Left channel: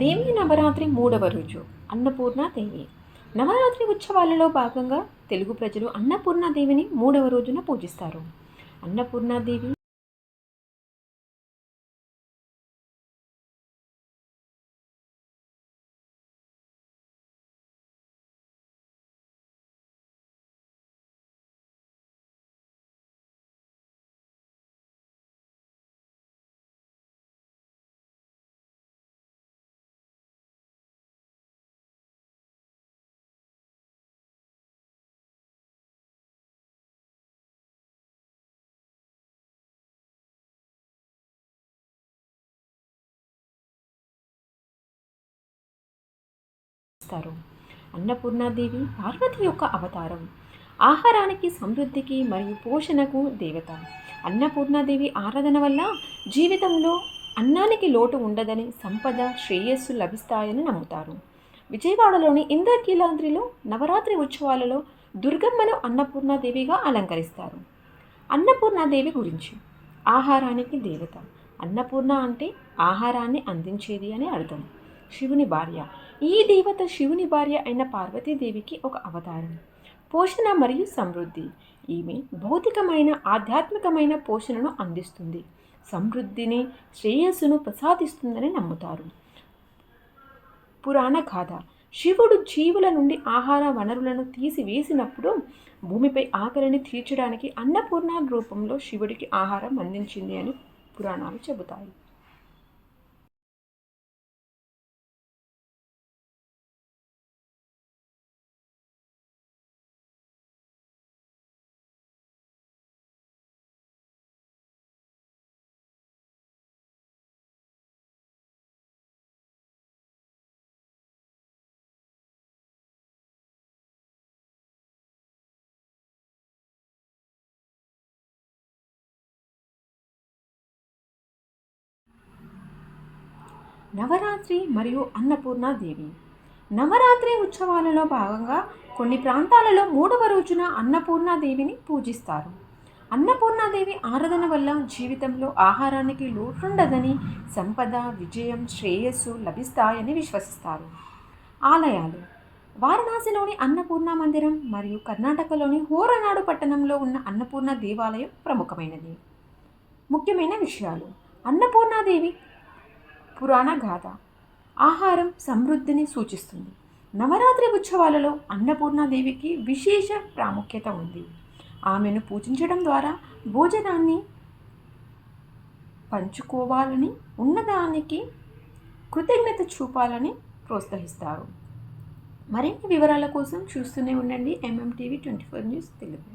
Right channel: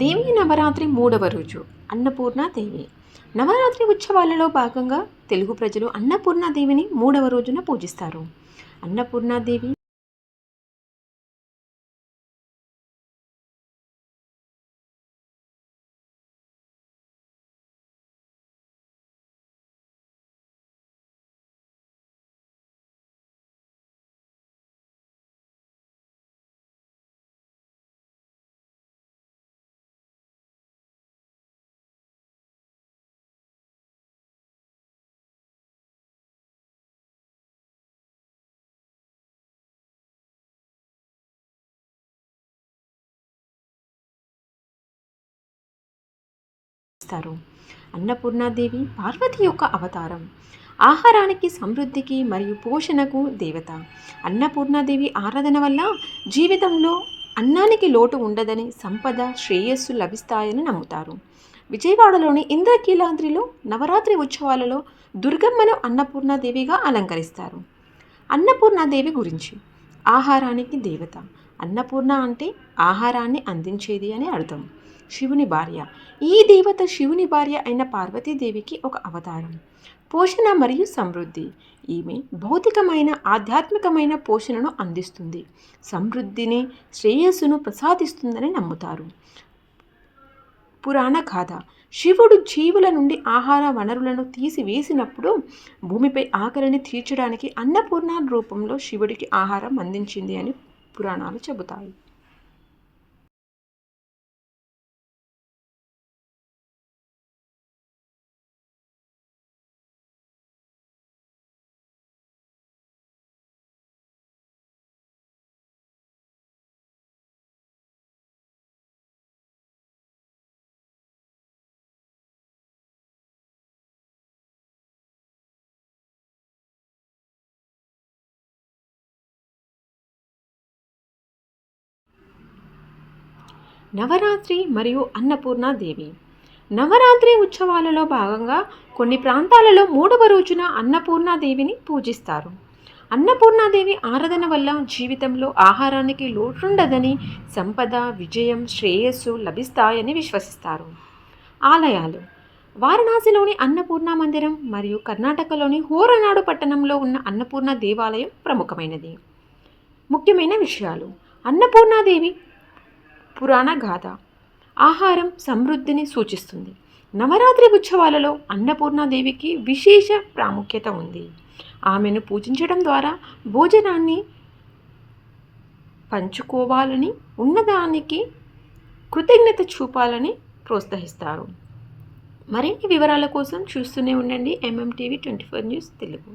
దేవీ నవరాత్రి 3వ రోజు అన్నపూర్ణాదేవి. నవరాత్రి ఉత్సవాలలో భాగంగా తెలుగు ప్రజలు అన్నపూర్ణాదేవిని 3వ రోజున పూజిస్తారు. అన్నపూర్ణాదేవి ఇస్తారు. అన్నపూర్ణాదేవి పార్వతి యొక్క అవతారం. ఆహారానికి, సమృద్ధికి మరియు పోషణకు దేవత. అన్నపూర్ణాదేవి ఆరాధన వల్ల జీవితంలో అన్నానికి లోటు ఉండదని, సంపద, శ్రేయస్సు లభిస్తాయని నమ్ముతారు. విజయవాడలోని ఇంద్రకీలాద్రిలో నవరాత్రి ఉత్సవాలలో దుర్గమ్మను అన్నపూర్ణాదేవిగా అలంకరిస్తారు. అన్నపూర్ణాదేవి గురించి. ఆహారానికి దేవత. అన్నపూర్ణ అంటే ఆహారాన్ని అందించేది అని అర్థం. శివుని భార్య. ఈ దేవత శివుని భార్య అయిన పార్వతీదేవికి ఒక అవతారం. పోషణ మరియు సమృద్ధి. ఈమె భౌతికమైన, ఆధ్యాత్మికమైన పోషణను అందిస్తుంది. సమృద్ధిని, శ్రేయస్సును ప్రసాదిస్తుందని నమ్ముతారు. పురాణ గాథ. శివుడు జీవుల నుండి ఆహార వనరులను తీసివేసినప్పుడు భూమిపై ఆకలిని తీర్చడానికి అన్నపూర్ణ రూపంలో శివుడికి ఆహారం అందించింది అని పురాణాలు చెబుతాయి. నవరాత్రి మరియు అన్నపూర్ణాదేవి. నవరాత్రి ఉత్సవాలలో భాగంగా కొన్ని ప్రాంతాలలో 3వ రోజున అన్నపూర్ణాదేవిని పూజిస్తారు. అన్నపూర్ణాదేవి ఆరాధన వల్ల జీవితంలో ఆహారానికి లోటుండదని, సంపద, విజయం, శ్రేయస్సు లభిస్తాయని విశ్వసిస్తారు. ఆలయాలు. వారణాసిలోని అన్నపూర్ణ మందిరం మరియు కర్ణాటకలోని హోరనాడు పట్టణంలో ఉన్న అన్నపూర్ణ దేవాలయం ప్రముఖమైనది. ముఖ్యమైన విషయాలు. అన్నపూర్ణాదేవి పురాణ గాథ. ఆహారం సమృద్ధిని సూచిస్తుంది. నవరాత్రి ఉత్సవాలలో అన్నపూర్ణాదేవికి విశేష ప్రాముఖ్యత ఉంది. ఆమెను పూజించడం ద్వారా భోజనాన్ని పంచుకోవాలని, ఉన్నదానికి కృతజ్ఞత చూపాలని ప్రోత్సహిస్తారు. మరిన్ని వివరాల కోసం చూస్తూనే ఉండండి MMTV 24 న్యూస్ తెలుగు.